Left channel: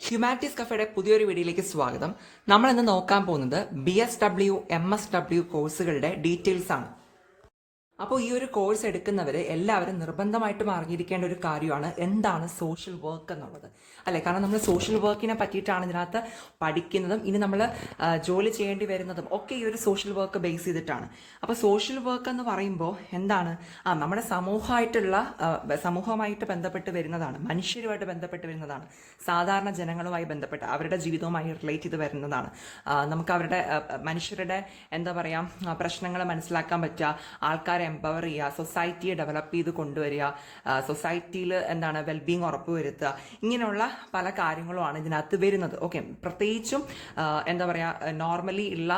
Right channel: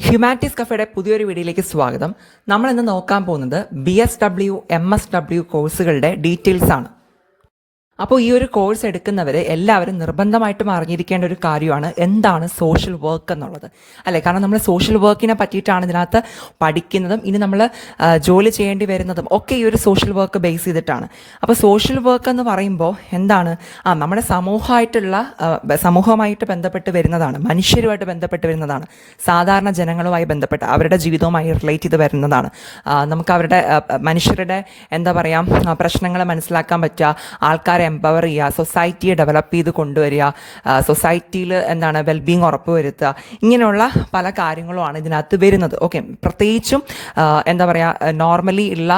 Humanities കഫേയുടെ പുതിയൊരു വീഡിയോയിലേക്ക് സ്വാഗതം. നമ്മൾ ഇന്ന് നോക്കാൻ പോകുന്നത് BSW MSW കോഴ്സുകളുടെ ഡീറ്റെയിൽസ് ആണ്. അപ്പോൾ ഈ ഒരു കോഴ്സ് എടുക്കുന്നവർ എല്ലാവരും നിർബന്ധമായിട്ടും അറിഞ്ഞിരിക്കേണ്ട ഒരു കാര്യമാണ് എന്താണ് സോഷ്യൽ വർക്ക് എന്നുള്ളത്, അല്ലേ? കാരണം നമ്മൾ സോഷ്യൽ വർക്കിനെ പറ്റിയിട്ടാണ് ഇതിനകത്ത് പഠിക്കുന്നതും ഇനി നമ്മൾ ജോലി ചെയ്യേണ്ടി വരുന്നതും ഒക്കെ ഈ ഒരു സോഷ്യൽ വർക്ക് ബേസ് ചെയ്തിട്ടാണ്. അപ്പോൾ സോഷ്യൽ വർക്ക് എന്ന് പറയുമ്പോൾ എന്താണ്? നമ്മുടെ സമൂഹമായിട്ട് ബന്ധപ്പെട്ട് വരുന്നതാണ്, മനുഷ്യരുമായിട്ട് ബന്ധപ്പെട്ട് വരുന്നതാണ്, സാധാരണ ജനങ്ങളുമായി ബന്ധപ്പെട്ട് അവരുടെ ജീവിതവുമായി റിലേറ്റ് ചെയ്ത് വരുന്നതാണ്. നമുക്ക് അവരുടെ മനുഷ്യരുടെ പ്രശ്നങ്ങൾ മനസ്സിലാക്കാൻ പറ്റുക, ആൾക്കാരെ എംപവർ ചെയ്യുക, സൊസൈറ്റിയെ ഡെവലപ്പ് ചെയ്ത് കൊണ്ടുവരിക, സൊസൈറ്റിയിൽ വെൽബീങ് ഉറപ്പുവരുത്തുക, ഇങ്ങനെയുള്ള പല കാര്യങ്ങളുമാണ് ഇതിനകത്ത് വരുന്നത്. ഓക്കെ, പ്രത്യേകിച്ചും നോർമലി ഉള്ള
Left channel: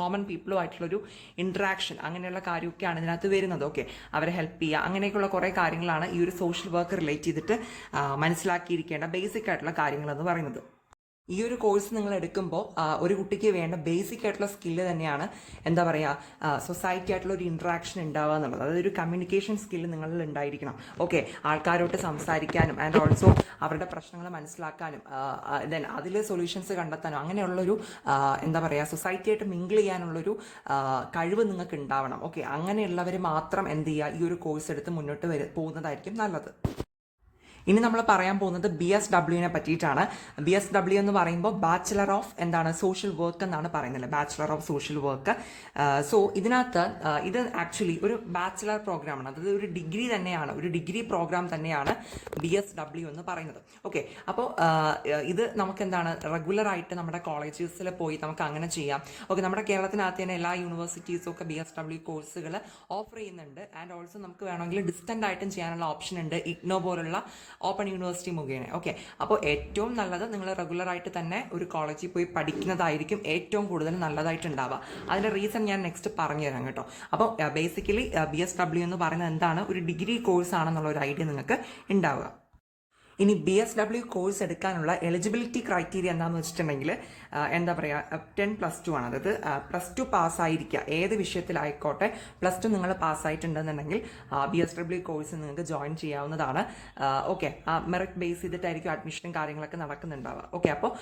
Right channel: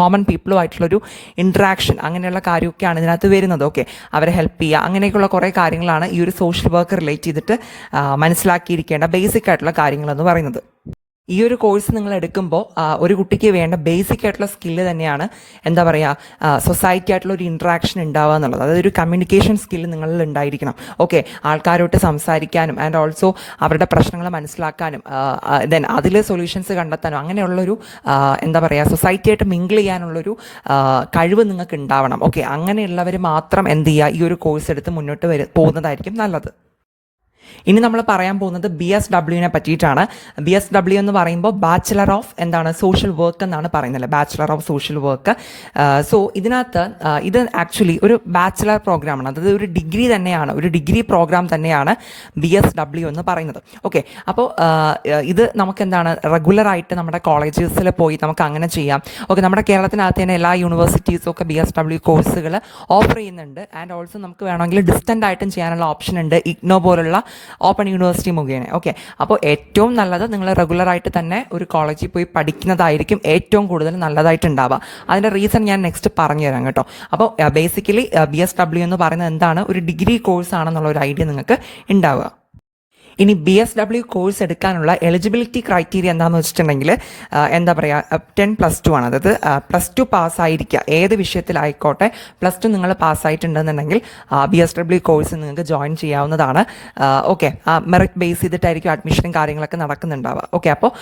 കോമൺ പീപ്പിളുമായിട്ടുള്ളൊരു ഇൻട്രാക്ഷൻ, അങ്ങനെയുള്ള കാര്യമൊക്കെയാണ് ഇതിനകത്ത് വരുന്നത്. ഓക്കെ, അവരെ ഹെൽപ്പ് ചെയ്യുക, അങ്ങനെയൊക്കെയുള്ള കുറേ കാര്യങ്ങളാണ് ഈ ഒരു സോഷ്യൽ വർക്ക് റിലേറ്റ് ചെയ്തിട്ട് മനസ്സിലാക്കിയിരിക്കേണ്ട ബേസിക് ആയിട്ടുള്ള കാര്യങ്ങളെന്ന് പറയുന്നത്. ഈ ഒരു കോഴ്സ് നിങ്ങൾ എടുക്കുമ്പോൾ ഒരു കുട്ടിക്ക് വേണ്ട ബേസിക് ആയിട്ടുള്ള സ്കില്ല് തന്നെയാണ് സൊസൈറ്റി ആയിട്ടുള്ള ഒരു ഇൻട്രാക്ഷൻ ഉണ്ടാവുക എന്നുള്ളത്. അതായത് ഒരു കമ്മ്യൂണിക്കേഷൻ സ്കില്ല് നിങ്ങളിൽ ഉണ്ടായിരിക്കണം. ഓക്കെ, ആൾക്കാരോട്ട് സംസാരിക്കാനും ആൻഡ് ഓൾസോ അവരുടെ പ്രശ്നങ്ങൾ മനസ്സിലാക്കാനും ദെൻ അതിൽ സൊല്യൂഷൻസ് കണ്ടെത്താനും അങ്ങനെയുള്ളൊരു സൊസൈറ്റിയായിട്ട് മിങ്കിൾ ചെയ്യാനുള്ളൊരു കഴിവ് നിങ്ങൾക്ക് ഉണ്ടാവണം. ഓക്കെ, അങ്ങനെയുള്ളവർ മാത്രം ഈ ഒരു കോഴ്സ് എടുത്ത് മുന്നോട്ട് പോകുന്നതായിരിക്കും നല്ലത്. ഇനി നമ്മൾ പറയാൻ പോകുന്നത് BSW പറ്റിയിട്ടാണ്. BSW എന്ന് പറയുമ്പോൾ ബാച്ചിലർ ഓഫ് സോഷ്യൽ വർക്ക് എന്നാണ് പറയുന്നത്, bachelor of social work. So ഇതിനകത്ത് ഇത് ആക്ച്വലി ഒരു ബാച്ചിലർ പ്രോഗ്രാമാണ്, അതായത് ഒരു ഡിഗ്രി തന്നെയാണ്, ഒരു ഡിഗ്രി പ്രോഗ്രാം തന്നെയാണ് BSW എന്ന് പറയുന്നത്. ഓക്കെ, അപ്പോൾ ഇത് നമുക്ക് റെഗുലറായിട്ട് നമ്മുടെ കോളേജസിൽ പോയി നമുക്ക് അങ്ങനെ ചെയ്യാം. ഓക്കെ, നമ്മുടെ കേരളത്തിനകത്ത് തന്നെ എല്ലാ യൂണിവേഴ്സിറ്റീസും ഒക്കെ BSW കോഴ്സുകൾ ഓഫർ ചെയ്യുന്നുണ്ട്. ആൻഡ് ഓൾസോ നമുക്ക് വേണമെങ്കിൽ ഡിസ്റ്റൻ്റ് ആയിട്ടും ചെയ്യാനുള്ള ഓപ്ഷൻ ഉണ്ട്, ഇഗ്നോ പോലുള്ള ഓപ്പൺ യൂണിവേഴ്സിറ്റി മുഖേന. ഓക്കെ, അപ്പോൾ ഏറ്റവും നല്ലത് നിങ്ങൾ റെഗുലറായിട്ട് തന്നെ ഒരു കോളേജിൽ പോയി പഠിക്കുന്നതായിരിക്കും ഏറ്റവും കൂടുതൽ നല്ലതായിട്ടുണ്ടാവുക. അതിൻ്റെ റീസൺ ഞാൻ നെക്സ്റ്റ് പറഞ്ഞു തരാം കേട്ടോ. അപ്പോൾ ബേസിക്കലി BSW എന്ന് പറയുന്നത് എന്താണ്, ഒരു ഡിഗ്രി കോഴ്സ് ആണെന്നുള്ള ഒരു ഐഡിയ നിങ്ങൾക്ക് ഉണ്ടാവുക. ഇനി BSW കോഴ്സ് എടുക്കാനുള്ള എലിജിബിലിറ്റി ക്രൈറ്റീരിയ എന്താണെന്ന് വെച്ചിട്ടുണ്ടെങ്കിൽ 10+2 ആണ്. അതായത് +2 പാസ്സായിരിക്കുക, ഏത് വിഷയത്തിലായിക്കോട്ടെ +2 നിങ്ങൾ പാസ്സായിട്ടുണ്ടെന്നുണ്ടെങ്കിൽ BSW കോഴ്സ് നിങ്ങൾക്ക് ജോയിൻ ചെയ്യാവുന്നതാണ്. ഓക്കെ, മെറിറ്റ് ബേസ് ചെയ്തിട്ടായിരിക്കും അഡ്മിഷനും കാര്യങ്ങളൊക്കെ നടക്കുന്നുണ്ടാവുക. ഓക്കെ, അപ്പോൾ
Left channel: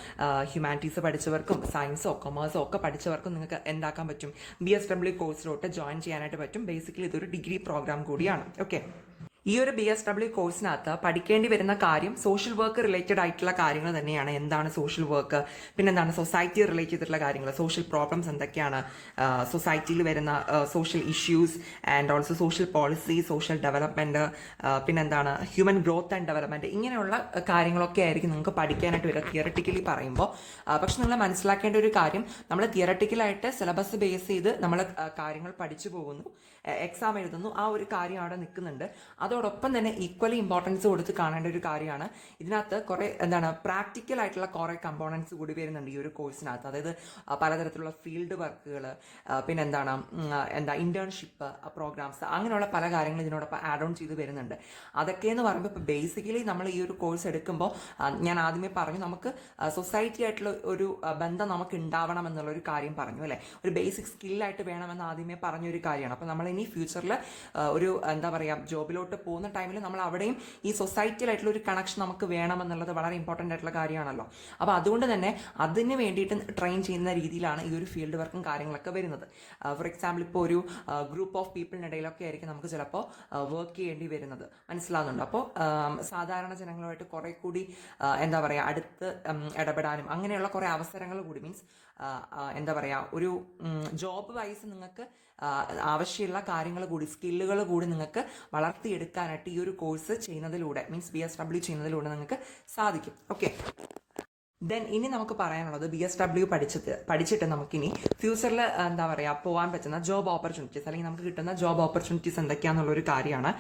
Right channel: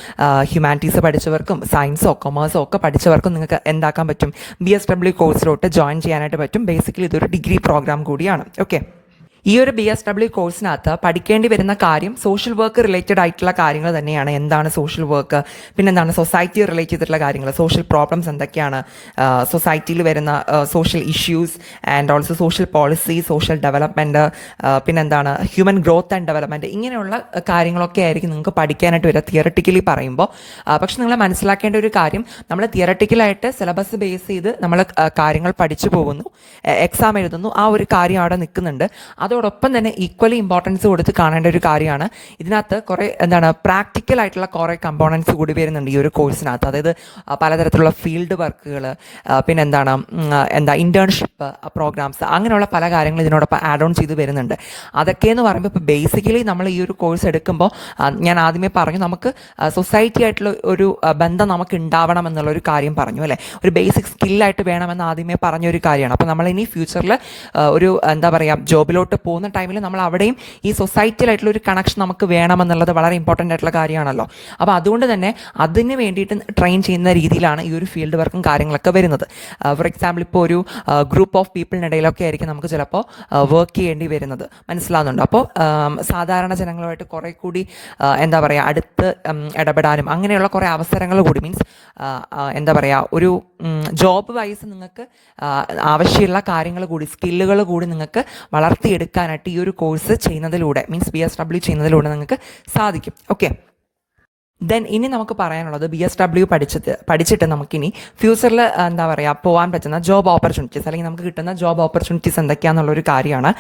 ഹ്യൂമാനിറ്റീസ് പഠിച്ചവർക്കും സയൻസോ കൊമേഴ്സോ ഒക്കെ പഠിച്ചവർക്കും നിങ്ങൾക്ക് എന്താക്കാൻ പറ്റും, BSW കോഴ്സിലോട്ട് ജോയിൻ ചെയ്യാനായിട്ട് പറ്റും. ബേസിക്കലി ഇതൊരു ഡിഗ്രി പ്രോഗ്രാം കൂടിയാണ്. ഓക്കെ, ഈ ഒരു BSW കോഴ്സിനകത്ത് പഠിക്കേണ്ടി വരുന്ന കാര്യം സോഷ്യൽ വർക്ക് റിലേറ്റഡ് ആയിട്ടുള്ള കാര്യങ്ങൾ തന്നെയാണ്. എന്താണ് സോഷ്യൽ വർക്ക്, പിന്നെന്താണ് സൊസൈറ്റി റിലേറ്റ് ചെയ്തിട്ടുള്ള കാര്യങ്ങൾ, സോഷ്യൽ പ്രോബ്ലംസ് എന്തൊക്കെയാണ്, സൊസൈറ്റിയിൽ വരുന്ന social issues and also social policy, social development, പിന്നെന്താണ് ഹ്യൂമൻ ഗ്രോത്ത് ആൻഡ് ഡെവലപ്മെൻറ്റ്, ഇങ്ങനെയുള്ള കാര്യങ്ങളൊക്കെ ആയിരിക്കും നിങ്ങൾക്ക് പഠിക്കാനായിട്ട് വരിക തിയറട്ടിക്കലി പറയുമ്പോൾ. പക്ഷെ നിങ്ങൾ മനസ്സിലാക്കേണ്ട ഒരു കാര്യം, നമ്മൾ തിയറട്ടിക്കലായിട്ട് സിലബസ് ബേസ് ചെയ്ത് നമ്മൾ കാര്യങ്ങൾ പഠിച്ചു പോകുന്നു, എക്സാം എഴുതുന്നു, ആ ഒരു കാര്യം അവിടെ നിൽക്കുന്നുണ്ട്. അതോടൊപ്പം തന്നെ ഈക്വലി ഇമ്പോർട്ടൻസ് കൊടുത്ത് കാണേണ്ട ഒരു കാര്യമാണ് ഇതിനകത്ത് കുറേ പ്രാക്ടിക്കൽ ആയിട്ടുള്ള കുറേ കമ്പോണൻസ് കൂടി വരുന്നുണ്ട് ഈ ഒരു കോഴ്സിനകത്ത്. അതായത് പലതരത്തിലുള്ള ഫീൽഡ് വർക്കുകൾ, പിന്നെ ഇൻറ്റേൺഷിപ്പ് പ്രോഗ്രാംസ്, അങ്ങനെയുള്ള പല കാര്യങ്ങൾ ഇതിനോടൊപ്പം ആഡ് ഓൺ ചെയ്ത് വരുന്നുണ്ട്. അതൊക്കെയെന്ന് പറയുമ്പോൾ ഇപ്പോൾ ബേസിക്കലി നമ്മൾ ഈ ഒരു കോഴ്സ് എടുക്കുമ്പോൾ ഞാൻ ആദ്യമേ പറഞ്ഞു, നമുക്ക് സൊസൈറ്റി ആയിട്ടുള്ള ഒരു ബന്ധം നമുക്ക് ഉണ്ടാവണം എന്നുള്ളൊരു കാര്യം പറഞ്ഞു, അല്ലേ? ഒരു ബേസിക് സ്കില്ലായിട്ട് വേണമെന്ന് ആദ്യമേ പറഞ്ഞൊരു കാര്യമാണ്. അപ്പോൾ നമ്മളിനി ഫ്യൂച്ചറിൽ ഒരു ജോബിലോട്ട് പോകുന്ന ടൈമിൽ നമ്മൾ അവിടെയും ഈ സൊസൈറ്റിയിലായിട്ടുള്ള ഒരു കണക്ഷൻ നമുക്ക് വേണമെന്നുള്ളത് വളരെ ഇമ്പോർട്ടൻ്റ് ആയിട്ടുള്ള കാര്യമാണല്ലോ. അപ്പോൾ അതുകൊണ്ട് തന്നെ അതിന് വേണ്ടിയിട്ട് ട്രെയിൻ ചെയ്യുന്ന രീതിയിലാണ് ഈ ഒരു ഫീൽഡ് വർക്കും കാര്യങ്ങളൊക്കെ വരുന്നത്. ഫോർ എക്സാമ്പിൾ, ഇപ്പോൾ ഒരു ഗ്രൂപ്പ് ഓഫ് പീപ്പിളിനിടയിലൊക്കെ ആയിരിക്കും നമുക്ക് ചിലപ്പോൾ വർക്ക് ചെയ്യേണ്ടി വരുന്നത്, മനസ്സിലാവുന്നുണ്ട്. അപ്പോൾ സാധാരണ ജനങ്ങളുമായിട്ട് കുറേ കൂടി അടുത്ത് ഇടപെടാനും അങ്ങനെയുള്ള കുറേ അവസരങ്ങൾ കൂടി, മീൻസ് ഒരു ജോബ് വൈസ് നിങ്ങൾക്ക് ആവശ്യമുള്ള കാര്യങ്ങൾ കൂടി, സ്കില്ലുകൾ കൂടി നിങ്ങൾക്ക് വളർത്തിയെടുക്കാനായിട്ട് ഈ ഒരു കോഴ്സ് ചെയ്യുന്നതിലൂടെ, മീൻസ് BSW ചെയ്യുന്നതിലൂടെ നിങ്ങൾക്ക് സാധിക്കും. ഓക്കെ, ദെൻ ഇനി നമുക്ക് പറയാനുള്ളത് BSW പഠിച്ചിട്ട് നമുക്കിനി ഫ്യൂച്ചറിൽ പോകാൻ പറ്റുന്ന ജോബ് ഓപ്പർച്യൂണിറ്റീസ്, അല്ലെങ്കിൽ നമുക്ക് കിട്ടുന്ന ജോബ് ഓപ്പർച്യൂണിറ്റീസ് എന്തൊക്കെയാണെന്നുള്ളൊരു കാര്യമാണ്.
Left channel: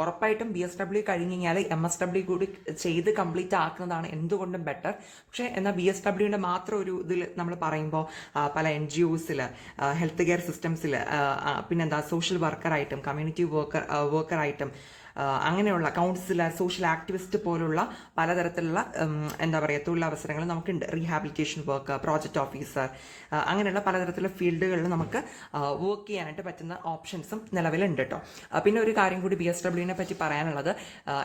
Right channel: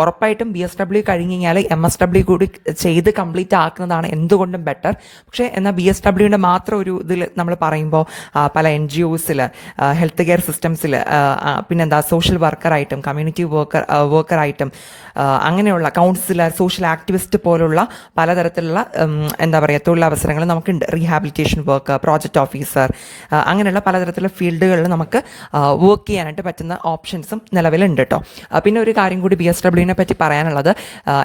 ഉറപ്പായിട്ടും BSW കഴിഞ്ഞ് കഴിഞ്ഞാൽ MSW കൂടി ചെയ്ത് കംപ്ലീറ്റ് ആക്കുന്നതാണ് എന്തുകൊണ്ടും ബെറ്റർ. പക്ഷേ എന്നാൽ BSWൻ്റെ മാത്രം ഒരു ഇതിൽ നമ്മൾ പറയുമ്പോൾ പല NGOസിൽ, ഹെൽത്ത് കെയർ സിസ്റ്റംസിൽ, സോഷ്യൽ വർക്കറായിട്ടും കമ്മ്യൂണിറ്റി വർക്കറായിട്ടും അങ്ങനെയുള്ള കൗൺസിലർ, സോഷ്യൽ ആക്ടിവിസ്റ്റ് പോലുള്ള പലതരത്തിലുള്ള തൊഴിലവസരങ്ങൾ അവസരങ്ങൾ നമുക്കുണ്ട്. റീഹാബിലിറ്റേഷൻ വർക്ക്, പ്രോജക്റ്റ് ഓഫീസർ, അങ്ങനെയുള്ള പലതരത്തിലുള്ള ഫീൽഡുകളിൽ നമുക്ക് വർക്ക് ചെയ്യാനായിട്ട് പറ്റുന്ന ഓപ്ഷൻസും നിലവിലുണ്ട് കേട്ടോ. പിന്നെ ഒരു കാര്യം കൂടി BSWനെ പറ്റി പറയാനുള്ളത്,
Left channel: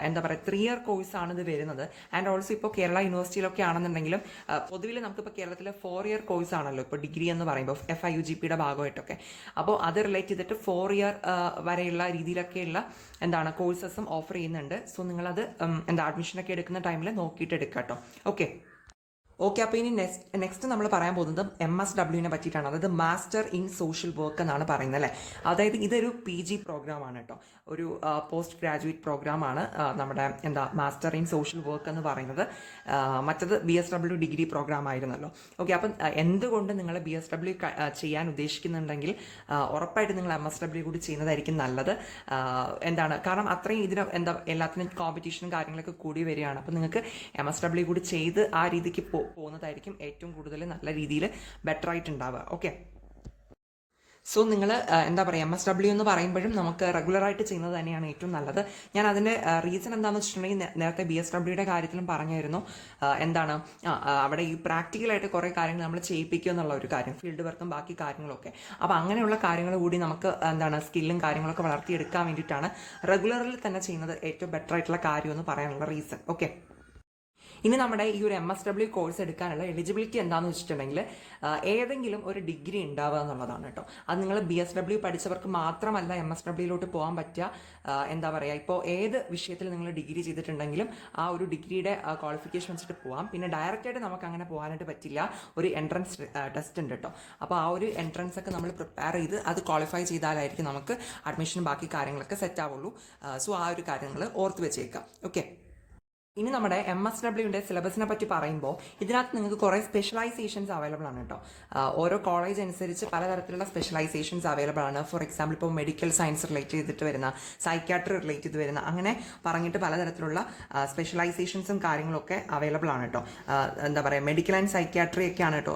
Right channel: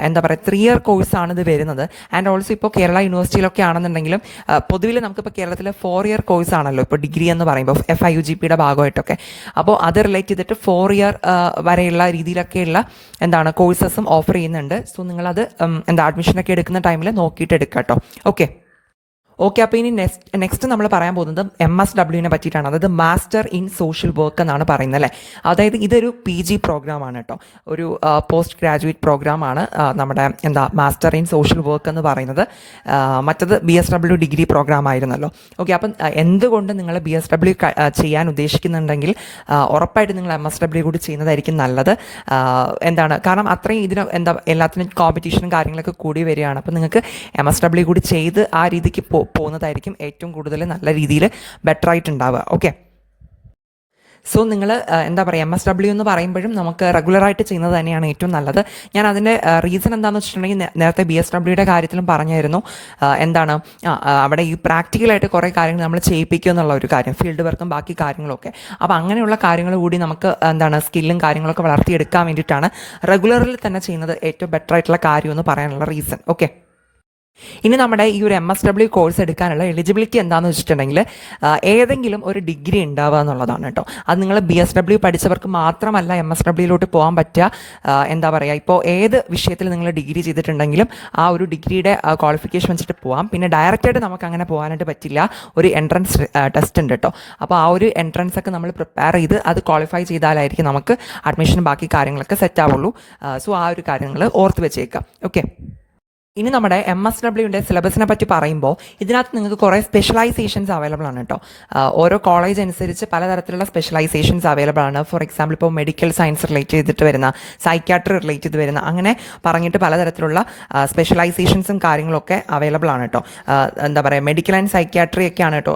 എന്താ പറയുക, 3 ഇയർ കോഴ്സാണ് ഇത് വരുന്നത്. ആൻഡ് ഓൾസോ ഇപ്പോൾ കേരള യൂണിവേഴ്സിറ്റിയിലൊക്കെ ആണെന്നുണ്ടെങ്കിലും പൊതുവിൽ നമുക്കിപ്പോൾ കേരളത്തിൽ 4 ഇയർ കോഴ്സ് ആണല്ലോ ഇപ്പോൾ ഡിഗ്രി എന്ന് പറയുമ്പോൾ FIUGPയുടെ ഭാഗമായിട്ടൊക്കെ. അപ്പോൾ അത് റിലേറ്റ് ചെയ്തിട്ട് 4 ഇയർ വരെയുള്ള രീതിയിലൊക്കെയുള്ള എന്താണ് കോഴ്സസും ഓഫർ ചെയ്യുന്നുണ്ട്. സോ നിങ്ങളത് അഡ്മിഷനൊക്കെ എടുക്കുന്ന ടൈമിൽ നോക്കിയിട്ട് എടുക്കാം കേട്ടോ. ഓക്കെ, അപ്പോൾ ഇനി നെക്സ്റ്റ് നമ്മൾ പറയാൻ പോകുന്നത് MSWനെ പറ്റിയിട്ടാണ്. അതായത് മാസ്റ്റർ ഇൻ സോഷ്യൽ വർക്ക് എന്നാണ് പറയുന്നത് അല്ലേ. അതായത് ഇതൊരു PG പ്രോഗ്രാമാണ് കേട്ടോ, ഒരു പോസ്റ്റ് ഗ്രാജുവേറ്റ് പ്രോഗ്രാമാണ് നമ്മുടെ മാസ്റ്റർ ഇൻ സോഷ്യൽ വർക്ക് എന്ന് പറയുന്നത്. മറ്റത് BSW ഡിഗ്രി പ്രോഗ്രാം ആയിരുന്നല്ലോ. ഓക്കെ, അപ്പം എന്തുകൊണ്ട് നിങ്ങൾ BSW ചെയ്യാൻ ഉദ്ദേശിക്കുന്നുണ്ടെങ്കിൽ ഉറപ്പായിട്ട് നിങ്ങൾ MSW കൂടി ചെയ്യുന്നതായിരിക്കും നല്ലത്. കാരണം അത്രയും ഇതിന് എല്ലാത്തിനും കോമ്പറ്റീഷനും കാര്യങ്ങളൊക്കെ കൂടി വരികയാണ്. അപ്പം നിങ്ങൾക്ക് MSW കൂടി ചെയ്ത് ആ രീതിക്ക് പോകുന്നതായിരിക്കും ഏറ്റവും കൂടുതൽ നല്ല രീതിയിൽ ബെറ്റർ ആയിട്ടുണ്ടാവുക. ഓക്കെ, സോ നിങ്ങൾ MSW എന്ന് പറയുമ്പോഴും നമുക്ക് റെഗുലറായിട്ട് ചെയ്യുന്നത് തന്നെയാണ് ഏറ്റവും നല്ലത്. ഞാൻ അതിൻ്റെ റീസൺ എന്താണെന്ന് വെച്ചിട്ടുണ്ടെങ്കിൽ നേരത്തെ BSWയുടെ കാര്യത്തിലും പറഞ്ഞായിരുന്നു. അവിടെ ഈ പ്രാക്ടിക്കലായിട്ട് കുറേ കാര്യങ്ങൾ നമ്മൾ ചെയ്യിപ്പിക്കുക എന്നുള്ള ഒരു കാര്യം, ഫീൽഡ് വർക്കും ബാക്കി കാര്യങ്ങളൊക്കെ. അപ്പോൾ അങ്ങനെയുള്ള കാര്യങ്ങൾ കൂടി നമുക്ക് സ്കില്ലും കാര്യങ്ങളൊക്കെ വളർത്തിയെടുക്കാൻ വേണ്ടിയിട്ടാണ് റെഗുലറിൽ തന്നെ ചെയ്യുന്നത് ഏറ്റവും ബെറ്റർ ആയിട്ടുള്ള കാര്യം എന്ന് പറയാനുള്ള റീസൺ. ഓക്കെ, ഇനി നമ്മുടെ ഈ ഒരു MSW കോഴ്സ് എടുക്കാനുള്ള എലിജിബിലിറ്റി എന്താണെന്ന് വെച്ചിട്ടുണ്ടെങ്കിൽ ഏതെങ്കിലും ഒരു ഡിഗ്രി ഉണ്ടാവുക എന്നുള്ളതാണ് കേട്ടോ. അത് നിങ്ങൾ BSW പഠിച്ചവർക്ക് മാത്രമല്ല MSWയിലോട്ട് പോകാൻ പറ്റുക. ഇപ്പോൾ ഏത് വിഷയത്തിൽ നിങ്ങൾ ഡിഗ്രി ചെയ്തിട്ടുണ്ടെങ്കിലും ആ ഒരു ഡിഗ്രിയുടെ ക്വാളിഫിക്കേഷൻ വെച്ചിട്ട് പോകാം. പിന്നെ ഡയറക്റ്റായിട്ട് നമുക്ക് അങ്ങനെ പോകാനായിട്ട് പറ്റില്ല, ഒരു എൻട്രൻസ് ടെസ്റ്റ് ഉണ്ട് കേട്ടോ. അപ്പോൾ ആ ഒരു എൻട്രൻസ് ഒക്കെ നമ്മൾ പ്രിപ്പയർ ചെയ്ത് അത് ക്വാളിഫൈ ചെയ്താലായിരിക്കും നമുക്ക് അഡ്മിഷനും ബാക്കി കാര്യങ്ങളൊക്കെ സെറ്റ് ആവുള്ളൂ. സോ ആ ഒരു കാര്യങ്ങൾ ഓർത്ത് വെച്ചേക്കാം. ഓക്കെ, ഇനി നമ്മുടെ MSWൻ്റെ സിലബസിനെ പറ്റി പറയുമ്പോൾ ഇതിനകത്ത് നിങ്ങൾക്ക് കുറേ സ്പെഷ്യലൈസേഷൻസ് അവൈലബിൾ ആണ് കേട്ടോ. ഓരോ കോളേജ് അനുസരിച്ച് പലതരത്തിലുള്ള സ്പെഷ്യലൈസേഷൻസ് അവൈലബിൾ ആണ്. ഫോർ എക്സാമ്പിൾ ഇപ്പോൾ മെഡിക്കൽ സയൻസ് റിലേറ്റ് ചെയ്തിട്ട് വരുന്ന, സൈക്യാട്രി റിലേറ്റ് ചെയ്ത് വരുന്ന, അങ്ങനെ പറഞ്ഞിട്ട് പലതരത്തിലുള്ള സ്പെഷ്യലൈസേഷൻസും കാര്യങ്ങളൊക്കെ അവൈലബിൾ ആണ് കേട്ടോ. മെഡിക്കൽ ആൻഡ് സൈക്യാട്രി ഒക്കെയാണ് കേട്ടോ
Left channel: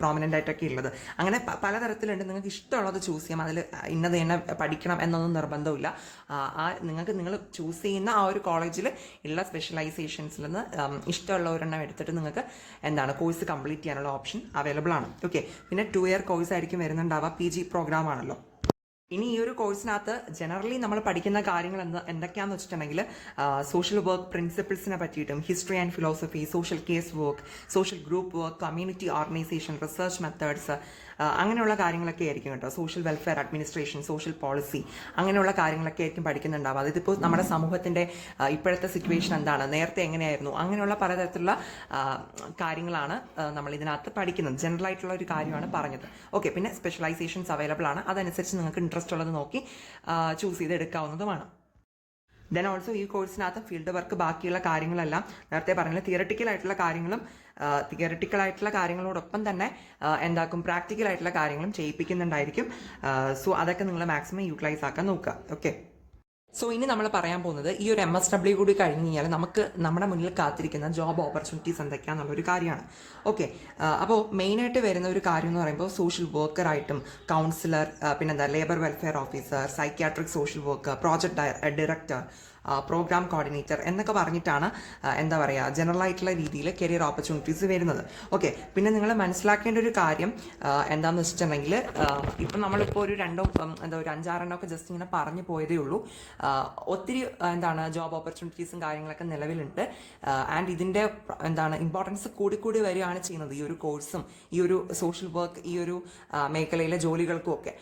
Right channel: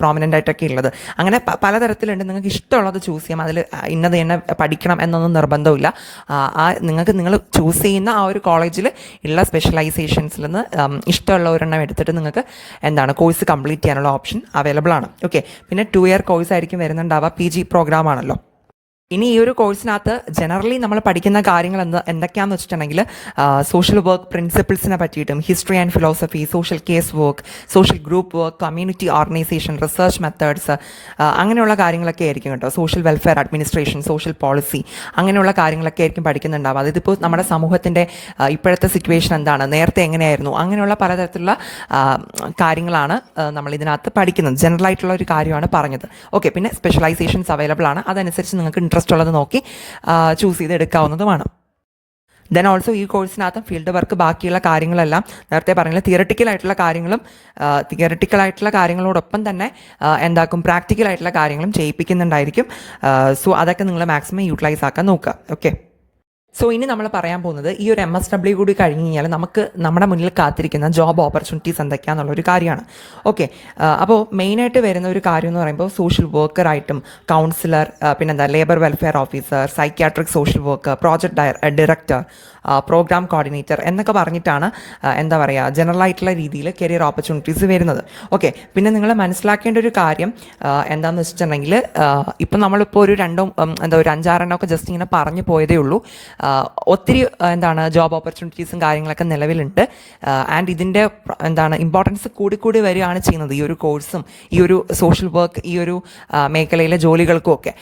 പ്രോമിനൻ്റ് ആയിട്ടൊക്കെ ഉള്ളത്. അങ്ങനെ പലതരത്തിലുണ്ട്. നിങ്ങൾക്ക് ഇഷ്ടമുള്ളത് ചൂസ് ചെയ്യാം. അതിൽ ഇന്നത് തന്നെ പഠിക്കണം എന്നൊന്നും നിർബന്ധമില്ല. നിങ്ങൾ ചൂസ് ചെയ്യുന്ന ആ ഒരു കോളേജിൽ ഉള്ള സ്പെഷ്യലൈസേഷൻസിൽ നിന്ന് ഇഷ്ടമുള്ള ഒരെണ്ണം എടുത്തിട്ട് നിങ്ങൾക്ക് കോഴ്സ് കംപ്ലീറ്റ് ചെയ്യാനുള്ള ഓപ്ഷൻ അവൈലബിൾ ആണ്. ഓക്കെ, പിന്നെ 2 ഇയർ കോഴ്സ് ആയിരിക്കും വരുന്നുണ്ടാവുക. PG പ്രോഗ്രാം ആണല്ലോ. ഇനി ഈ ഒരു കോഴ്സിനകത്ത് ജനറലി നമ്മൾ പഠിക്കുന്ന കാര്യങ്ങൾ എന്തൊക്കെയാണെന്ന് വെച്ചിട്ടുണ്ടെങ്കിൽ സോഷ്യൽ വർക്ക് പ്രിൻസിപ്പിൾസിനെ പറ്റിയിട്ടും, history and philosophy, social case work, social group work, community organisation, research methods, അങ്ങനെയുള്ള കാര്യങ്ങളൊക്കെ ആയിരിക്കും കേട്ടോ. Social welfare administration, social policy, അങ്ങനെയുള്ള കാര്യങ്ങളൊക്കെ ആയിരിക്കും പഠിക്കുന്നുണ്ടാവുക. അതായത് ഇപ്പോൾ നമ്മുടെ സമൂഹത്തിൻ്റെ ഇപ്പോഴത്തെ സിറ്റുവേഷൻ എന്താണ്, നേരത്തെ എങ്ങനെയായിരുന്നു, അങ്ങനെയുള്ള പലതരത്തിലുള്ള കാര്യങ്ങളാണ് നമ്മൾ ഇതിനകത്ത് പഠിക്കുന്നത്. ജനറൽ ആയിട്ടുള്ള ഒരു കാര്യമാണ് പറഞ്ഞത്. ഓക്കെ, പിന്നെ സ്പെഷ്യലൈസേഷൻസ് അവൈലബിൾ ആണ്. അതനുസരിച്ച് നിങ്ങൾക്ക് ഇൻട്രസ്റ്റ് ഉള്ളത് നോക്കി ചൂസ് ചെയ്ത് എടുക്കാവുന്നതുമാണ്. ദെൻ ഓൾസോ ഈ കോഴ്സിനകത്ത് ഫീൽഡ് വർക്ക് ബാക്കിയുള്ള കാര്യങ്ങളെല്ലാം നേരത്തെ പറഞ്ഞ തിയറട്ടിക്കലായിട്ടുള്ള കാര്യങ്ങളോടൊപ്പം തന്നെ പ്രാക്ടിക്കലായിട്ടുള്ള കാര്യങ്ങളും ചെയ്യിപ്പിക്കുന്നുണ്ടായിരിക്കും. സോ അതൊക്കെ നിങ്ങൾ മാക്സിമം യൂട്ടിലൈസ് ആക്കാൻ നോക്കുക. ഓക്കെ, സോ ഇനി നമ്മൾ പറയാൻ പോകുന്നത് ഈ ഒരു MSW കൂടി കഴിഞ്ഞ് കഴിഞ്ഞാൽ നമുക്ക് നമ്മുടെ മുന്നിൽ കാത്തിരിക്കുന്ന ജോബ് ഓപ്പർച്യൂണിറ്റീസ് എന്തൊക്കെയാണെന്നുള്ളൊരു കാര്യമാണ്. ഓക്കെ, അപ്പോൾ മെയിനായിട്ട് വരുന്ന ഒരു കാര്യം എന്ന് പറയുമ്പോൾ സോഷ്യൽ വർക്കറായിട്ടും, counsellor, labour welfare officer, psychiatric social worker, project director, programme coordinator എന്നൊക്കെ പറഞ്ഞിട്ടാണ് ജനറൽ ആയിട്ടുള്ള രീതിയിൽ കരിയർ ഓപ്പർച്യൂണിറ്റീസ് വരുന്നത്. ഓക്കെ, പിന്നെ നിങ്ങൾ മനസ്സിലാക്കേണ്ട ഒരു കാര്യം എന്താണെന്ന് വെച്ചിട്ടുണ്ടെങ്കിൽ ഇപ്പം നമ്മളിപ്പോൾ ഒരു 5-6 ഒക്കെ ജസ്റ്റ് ഇങ്ങനെ പറഞ്ഞു പോയതേ ഉള്ളൂ. ഒത്തിരി ജോബ് ഓപ്പർച്യൂണിറ്റീസും കാര്യങ്ങളൊക്കെ നിലവിലുണ്ട്. ആൻഡ് ഇതിൻ്റെ ഇമ്പോർട്ടൻസ് കൂടി വരികയാണ് ചെയ്യുന്നത് ഈ ഒരു കോഴ്സും ഈ ഒരു സോഷ്യൽ വർക്ക് ഈ ഒരു മേഖലയിലെ ജോലികൾക്കും ഒക്കെ.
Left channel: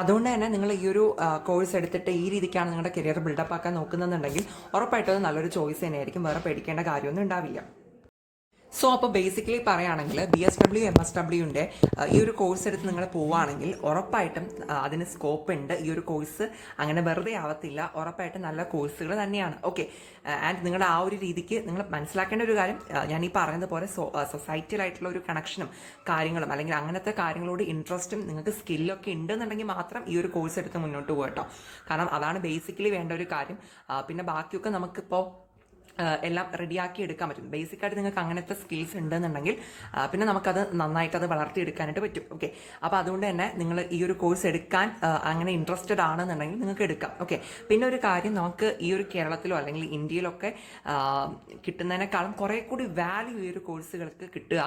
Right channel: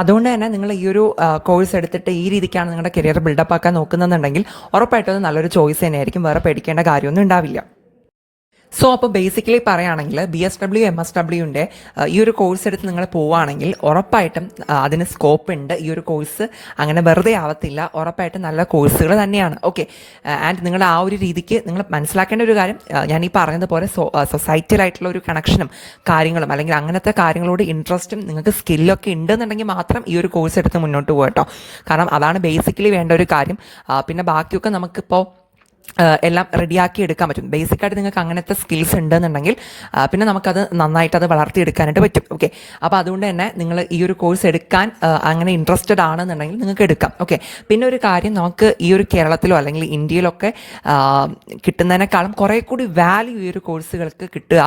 അതുകൊണ്ട് തന്നെ നിങ്ങൾ ഈ ഒരു കോഴ്സ് എടുത്തിട്ട് ഈ രീതിക്കാണ് നിങ്ങളുടെ കരിയർ ബിൽഡപ്പ് ആക്കാൻ നോക്കുന്നുണ്ടെങ്കിൽ ഉറപ്പായിട്ടും അത് നല്ലൊരു ചോയ്സ് തന്നെയായിരിക്കും. വേറെ പേടിക്കേണ്ട കാര്യമൊന്നും ഉണ്ടാവില്ല. സോ അപ്പോൾ ബേസിക്കലി പറയുകയാണെങ്കിൽ BSW MSWൻ്റെ ഈ ഒരു കോഴ്സ് എടുത്ത് നിങ്ങൾ പോവുകയാണെങ്കിൽ ഉറപ്പായിട്ടും അതിന് സ്കോപ്പ് ഉണ്ട്. ഈ ഒരു കോഴ്സ് അങ്ങനെ വെറുതെ ആവത്തില്ല. ഉറപ്പായിട്ടും നല്ല കോഴ്സുകൾ തന്നെയാണ്. ഓക്കെ, ആൻഡ് നിങ്ങൾ ആ ഒരു രീതിക്ക് നിങ്ങൾ മനസ്സിലാക്കേണ്ട ഒരു കാര്യം, ഞാൻ ഈ പറഞ്ഞതുപോലെ സൊസൈറ്റിയിലായിട്ടുള്ള ഒരു കണക്ഷനും കാര്യങ്ങളും അല്ലെങ്കിൽ അങ്ങനത്തെ കാര്യങ്ങളോട് ഇൻട്രസ്റ്റും നിങ്ങൾക്ക് സ്കില്ലൊക്കെ ഉണ്ടെന്നുണ്ടെങ്കിൽ മാത്രം ഈ ഒരു കോഴ്സ് എടുത്ത് മുന്നോട്ട് പോകട്ടോ. കാരണം അതാണ് ബേസിക്കലി വേണ്ട ഒരു കാര്യം. പിന്നെ ബാക്കിയൊക്കെ നമുക്കിപ്പോൾ എല്ലാം റെഡിയാക്കി എടുക്കാൻ പറ്റും. ബേസിക്കായിട്ട് നിങ്ങൾക്ക് അങ്ങനത്തെ സ്കിൽസ് ഉണ്ടെന്നുണ്ടെങ്കിൽ പിന്നെ നമുക്കത് നന്നായിട്ട് അത് വളർത്തിയെടുക്കാനായിട്ട് പറ്റും. ഓക്കെ, അപ്പോൾ അതുകൊണ്ട് തന്നെ നിങ്ങൾ ഈ ഒരു കോഴ്സ് എടുക്കാൻ അങ്ങനെ ഇൻട്രസ്റ്റഡ് ആണെന്നുണ്ടെങ്കിൽ നിങ്ങൾക്ക് എടുക്കാം. ഓക്കെ, പിന്നെ ഒരു കാര്യം, നമുക്ക് ഈ ഒരു കേരളത്തിലോ അല്ലെങ്കിൽ ഇന്ത്യയിലൊക്കെ കിട്ടുന്നതിനേക്കാളും കുറേ കൂടി വാല്യൂ ഈ ഒരു കോഴ്സുകൾക്ക് കിട്ടുക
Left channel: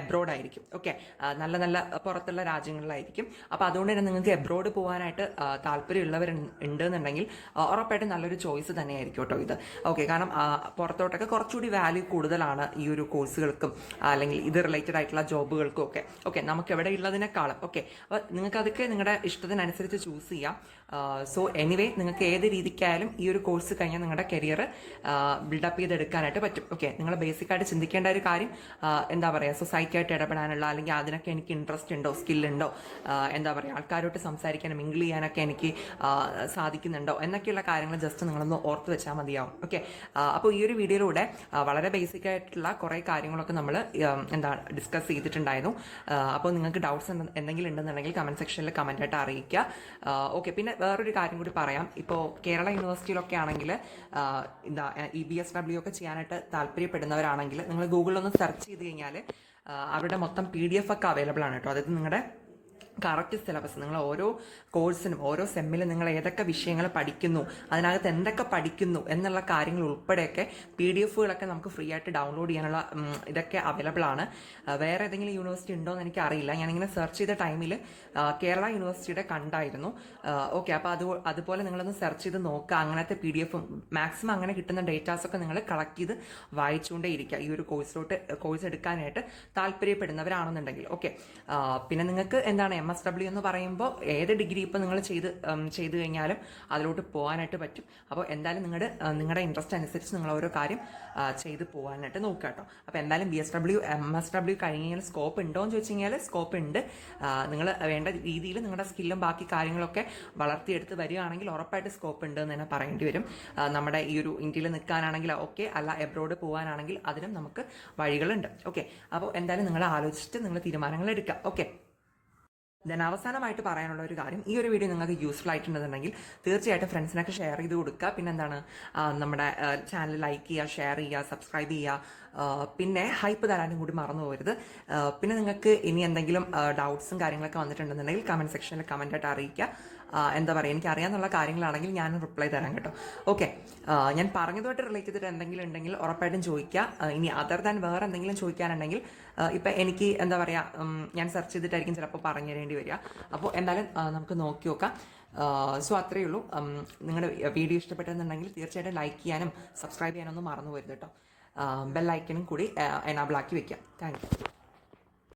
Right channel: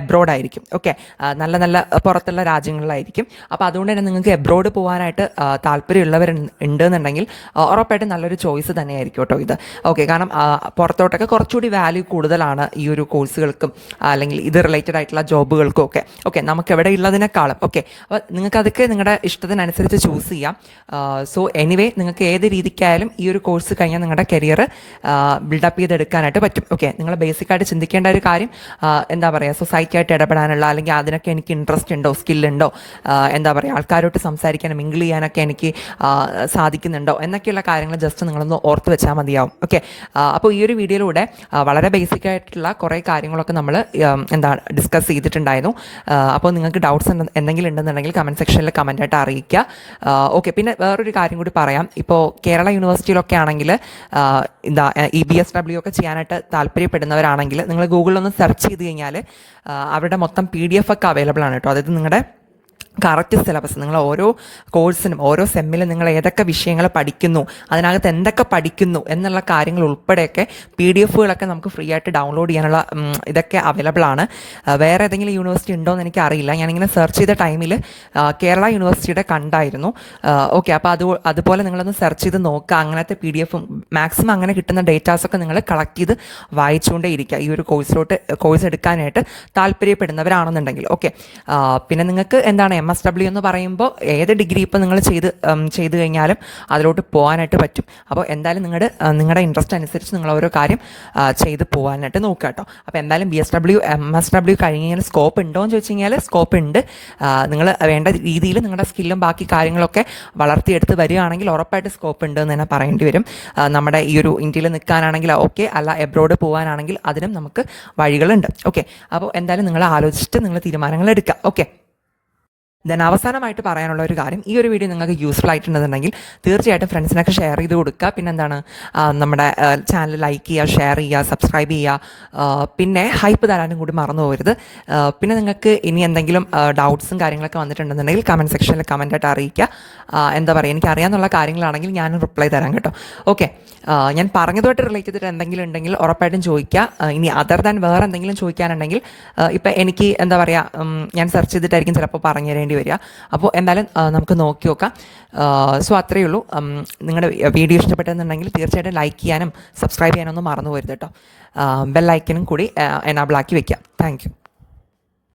എബ്രോഡ് ആയിരിക്കും. ഓക്കെ, നല്ല നല്ല പുറത്തുള്ള രാജ്യങ്ങളിലായിരിക്കും. അപ്പോൾ അതുകൊണ്ട് തന്നെ നിങ്ങൾക്ക് എബ്രോഡ് പോകാനായിട്ട് താല്പര്യമുള്ളവർ ഉണ്ടെന്നുണ്ടെങ്കിൽ ഉറപ്പായിട്ടും നല്ലൊരു ചോയ്സ് തന്നെയായിരിക്കും കേട്ടോ ഇത്. ഓക്കെ, കാരണം പുറത്തോട്ടൊക്കെ കുറച്ചുകൂടി വാല്യൂ കൂടുതലാണ് ഈ ഒരു കോഴ്സുകൾക്കും അല്ലെങ്കിൽ ഇത് റിലേറ്റഡ് ആയിട്ടുള്ള ജോബുകൾക്കും ഒക്കെ. ഓക്കെ, നമുക്ക് എവിടെ ഉള്ളതിനേക്കാളും. ഓക്കെ, അപ്പോൾ നിങ്ങൾക്ക് അതൊക്കെ നിങ്ങളുടെ ഇഷ്ടത്തിനനുസരിച്ച് ചൂസ് ചെയ്യാം. സോ എനിവേ, നിങ്ങൾക്ക് ഏത് രീതിക്കായാലും ഈ ഒരു കോഴ്സ് കഴിഞ്ഞാൽ നിങ്ങളുടെ കരിയർ ബിൽഡപ്പ് ചെയ്തെടുക്കാനായിട്ട് പറ്റും. ഓക്കെ, നിങ്ങൾ ബേസിക്കായിട്ട് ചിന്തിക്കേണ്ട ഒരു കാര്യം, എന്താ പറയുക, സൊസൈറ്റിയായിട്ട് ഇടപെടാനുള്ള അല്ലെങ്കിൽ അതിനൊക്കെ എനിക്ക് ഇൻട്രസ്റ്റ് ഉണ്ടോ, സ്കില്ലുണ്ടോ, എന്താ പറയുക, ആൾക്കാരോട്ട് സംസാരിക്കാനും മിങ്കിൾ ചെയ്യാനൊക്കെ എനിക്ക് സാധിക്കുന്നുണ്ടോ എന്നൊക്കെയുള്ള കാര്യങ്ങൾ ജസ്റ്റ് നിങ്ങളൊന്ന് ഓർത്ത് വെച്ചാൽ മതിയാവും. ഓക്കെ, അപ്പോൾ ഈ ഒരു വീഡിയോയിലൂടെ വളരെ ബേസിക് ആയിട്ടുള്ള കുറേ കാര്യങ്ങളൊക്കെ നമ്മൾ ഡിസ്കസ് ചെയ്തിട്ടുണ്ടായിരുന്നു. അപ്പോൾ നിങ്ങൾക്ക് ഡൗട്ട്സ് എന്തെങ്കിലും ഉണ്ടെന്നുണ്ടെങ്കിൽ കമൻറ്റ് സെക്ഷനിൽ കമൻറ്റായിട്ട് അറിയിക്കുക. ഓക്കെ, പിന്നെ വേറൊരു കാര്യം കൂടി പറയാം. ഇപ്പോൾ കേരള യൂണിവേഴ്സിറ്റിയിലൊക്കെ ആണെങ്കിൽ EBSW ഒക്കെ ചെയ്യാനായിട്ട് താല്പര്യപ്പെടുന്നവരാണെങ്കിൽ നിങ്ങൾ ഗൂഗിളിലൊന്ന് സെർച്ച് ചെയ്ത് കഴിഞ്ഞാൽ അവരുടെ മൊത്തം PDF ഒക്കെ അവൈലബിൾ ആണ് കേട്ടോ. അതായത് നിങ്ങളുടെ കറക്റ്റ് സിലബസ്, നിങ്ങൾ ഓരോ കോഴ്സിനും ഓരോ സെമ്മിലും നിങ്ങൾ ഏതൊക്കെ വിഷയങ്ങൾ പഠിക്കുന്നു, അതിനകത്ത് എന്തൊക്കെ പഠിക്കുന്നു എന്നുള്ള കാര്യങ്ങൾ ഉൾപ്പെടെയൊക്കെ PDF നമുക്ക് ഫ്രീ ആയിട്ട് ഡൗൺലോഡ് ചെയ്യാനുള്ള ഇതൊക്കെ അവൈലബിൾ ആണ്. വേറെ ഏതെങ്കിലും യൂണിവേഴ്സിറ്റി ഉണ്ടോ എന്ന് എനിക്ക് അറിയില്ല. ഞാനിങ്ങനെ സെർച്ച് ചെയ്ത ടൈമിൽ കേരള യൂണിവേഴ്സിറ്റിയുടെ കണ്ടായിരുന്നു. ഓക്കെ, അപ്പോൾ അതുപോലെ നിങ്ങളൊന്ന് സെർച്ച് ചെയ്ത് നോക്കുക. അങ്ങനത്തെ PDF മാക്സിമം അങ്ങനെ കിട്ടുന്ന ഡേറ്റാസൊക്കെ നിങ്ങൾ കളക്ട് ചെയ്ത് വായിച്ചുകൊണ്ടേ ഇരിക്കുക ഈ ഒരു കോഴ്സ് എടുക്കാനായിട്ട് താല്പര്യപ്പെടുന്നവരാണെന്നുണ്ടെങ്കിൽ. ഓക്കെ, പിന്നെ നിങ്ങൾക്ക് എന്താണ് MSW എന്ന് പറയുമ്പോൾ ഏത് ഡിഗ്രി ഇപ്പോൾ നിങ്ങൾ ചെയ്ത് കഴിഞ്ഞാലും അതിലോട്ട് പോകാനായിട്ട് പറ്റും. അപ്പോൾ എന്തായാലും നിങ്ങളുടെ ഇൻട്രസ്റ്റ് അനുസരിച്ച് നിങ്ങൾ ഓരോ കാര്യം ചെയ്ത് പോകാനായിട്ട് നോക്കുക കേട്ടോ. അപ്പോൾ എന്തായാലും BSW MSW കഴിഞ്ഞ് കഴിഞ്ഞാൽ സ്കോപ്പ് ഉണ്ടോ എന്ന് ചോദിച്ചു കഴിഞ്ഞാൽ സ്കോപ്പ് ഉണ്ട്. നിങ്ങൾ വേണ്ട രീതിയിൽ നിങ്ങളുടെ സ്കില്ലും ബാക്കി കാര്യങ്ങളൊക്കെ വളർത്തിയെടുത്ത് വരികയാണെങ്കിൽ ഉറപ്പായിട്ട് സ്കോപ്പ് ഉണ്ട് എന്ന് തന്നെ പറയേണ്ടി വരും. നമ്മുടെ ഈ ഒരു ഇന്ത്യയിൽ നിൽക്കാനാണെങ്കിൽ ഓക്കെ, അല്ല എബ്രോഡ് പോകാനാണെങ്കിൽ അതിനും നമുക്ക് വഴികളുണ്ട്. ഓക്കെ, അപ്പോൾ എന്തായാലും നിങ്ങൾ ആലോചിച്ചിട്ട് നിങ്ങൾ തീരുമാനങ്ങൾ എടുക്കുക. ഓക്കെ, ദെൻ അവസാനമായിട്ട് പറയാനുള്ള ഒരു കാര്യം, ഈ ഒരു വീഡിയോ നിങ്ങൾക്ക് യൂസ്ഫുൾ ആയിട്ടുണ്ടെന്നുണ്ടെങ്കിൽ തീർച്ചയായിട്ടും ഫ്രണ്ട്സിനൊക്കെ ഷെയർ ചെയ്ത് കൊടുക്കുക. പിന്നെ എന്താണ്, നമ്മുടെ ചാനൽ ലൈക്ക് ചെയ്യുക, ഷെയർ ചെയ്യുക, സബ്സ്ക്രൈബ് ചെയ്യുക. പിന്നെ ഹൈപ്പ് തരാനും കൂടി മറന്നു പോകരുത്. പിന്നെ നിങ്ങൾക്ക് ഇനി എന്തെങ്കിലും ഡൗട്ട്സും കാര്യങ്ങളൊക്കെ വന്നിട്ടുണ്ടെന്നുണ്ടെങ്കിൽ കമൻറ്റ് സെക്ഷനിൽ കമൻറ്റായിട്ട് അറിയിക്കുക. എന്താ പറയുക, എനിക്ക് അറിയാമെന്നുള്ള കാര്യങ്ങളാണെങ്കിൽ ഞാനും റിപ്ലൈ തരാം കേട്ടോ. ഓക്കെ, ഞാൻ പറഞ്ഞതുമായിട്ട് റിലേറ്റ് ചെയ്തിട്ട് എന്തെങ്കിലും ഉണ്ടെങ്കിൽ ഉറപ്പായിട്ടും ചോദിക്കുക. ഇനി അതർ ദാൻ വേറെ എന്തെങ്കിലും ചോദിക്കാനുണ്ടെങ്കിൽ ഇപ്പം എനിക്ക് എന്താ പറയുക, ഞാൻ സെർച്ച് ചെയ്തിട്ടായിരിക്കും ചിലപ്പോൾ പറഞ്ഞു തരേണ്ടി വരിക. അപ്പോൾ എന്തായാലും നമുക്ക് നോക്കി നോക്കാം. സോ അത്രയേ ഉള്ളൂ. നിങ്ങളുടെ വീഡിയോ ഇഷ്ടപ്പെട്ടെന്നുണ്ടെങ്കിൽ തീർച്ചയായിട്ടും ലൈക്ക് ചെയ്യാനും സബ്സ്ക്രൈബ് ചെയ്യാനൊന്നും മറന്നു പോരുത് കേട്ടോ. ബെൽ ഐക്കനും കൂടി എനാബിൾ ആക്കി വെക്കാം. Thank you.